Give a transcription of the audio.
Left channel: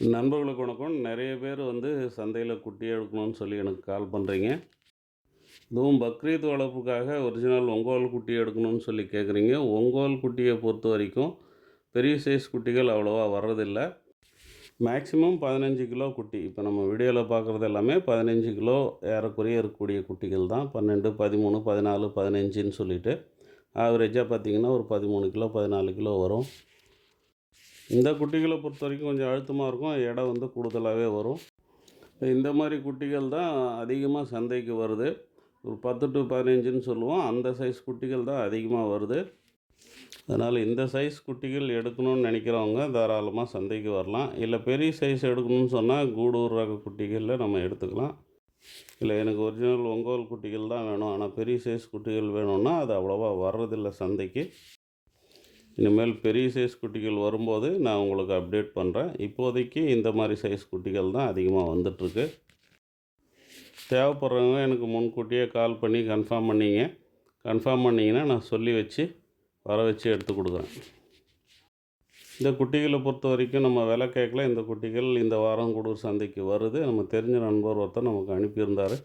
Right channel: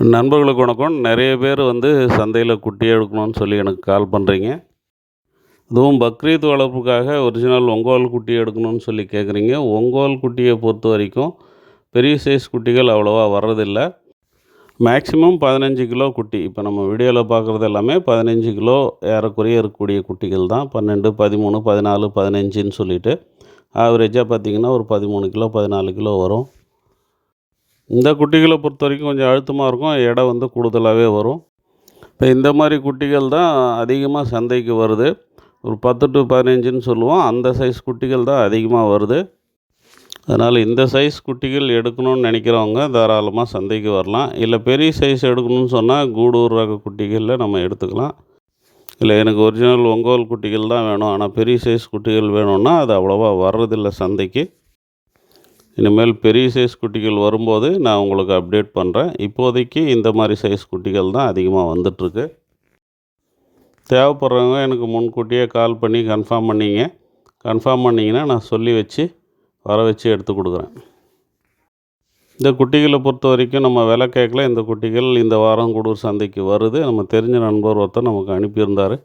நண்பர்களுக்கு வணக்கம். நெறைய பேர் சந்தையில குட்டி எடுக்கணும்னு சொல்லி எனக்கு கால் பண்ணுறீங்க. அதுவும் பக்ரீத் வளர்ப்புக்காக ஒரிஜினல் ஒங்கோல் குட்டி எடுக்கணும்னு சொல்லி கேட்குறீங்க. ஒங்கோல் குட்டிய பொறுத்தவரைக்கும் பெரிய சைஸ் குட்டிகள் அவ்வளவா வர்றதில்ல. மேக்ஸிமம் 15 கிலோ குட்டி. இப்போ நம்ம வீடியோவில் பார்க்குறது எல்லாமே 15 கிலோ ஏறக்குறைய இருக்கக்கூடிய குட்டிகள் தான். 12, 13, 14, 15ன்னு சொல்லிட்டு ஆவரேஜாக பார்த்தீங்கன்னா ஒரு 13 கிலோ 14 கிலோ வரும். இந்த குட்டிகளை பொறுத்த வரைக்கும் கொஞ்சம் அழுத்தமாக இருக்கும். எடை கூடுதலாகவே வரும். இப்போ இந்த மாதிரி குட்டிகள் தான் அதிகமாக சந்தைக்கு வருது. ஒரு 10 to 15ன்னு சொல்லுவோம். அந்த சைஸ் குட்டிகள் தான் அதிகமாக வருது. அதனால் இந்த சைஸ் குட்டிகள் எடுக்கணும்னு நினைக்கிறவங்க தாராளமாக சந்தைக்கு வரலாம். இல்லை பெரிய சைஸ் எடுக்கணும்னு சொன்னால் கூடூர் ரக குட்டிகளில் நம்ம எடுத்துக்கலாம். இல்லை எனக்கு ஒரிஜினல் ஒங்கோல் குட்டிகள் தான் வேணும், ஆனால் பெரிய சைஸ் குட்டிகள் வேணும்னா அது அவ்வளோவா வர்றதில்லை சந்தைக்கு. இனிமேல் பெரிய சைஸ் குட்டிகள் வரும்போது நான் உங்களுக்கு அப்டேட் பண்ணுறேன். இப்போதைக்கு இந்த மாதிரி சைஸ் குட்டிகள் தான் அதிகமாக வந்துட்டுருக்கு. தேவைப்படுறவங்க எனக்கு முன்கூட்டியே கால் பண்ணி கன்ஃபார்ம் பண்ணிங்கன்னா நான் சொல்லி வச்சு வர வச்சு எடுத்து கொடுக்குறேன். இந்த குட்டிகளை பொறுத்த வரைக்கும் நம்ம விலை கேட்கல. இந்த குட்டிகள் இந்த வாரம் கூடூர் சந்தைக்கு வருது. நம்ம தெரிஞ்ச நண்பர் ஒருத்தர் நமக்கு அனுப்பியிருந்தார்.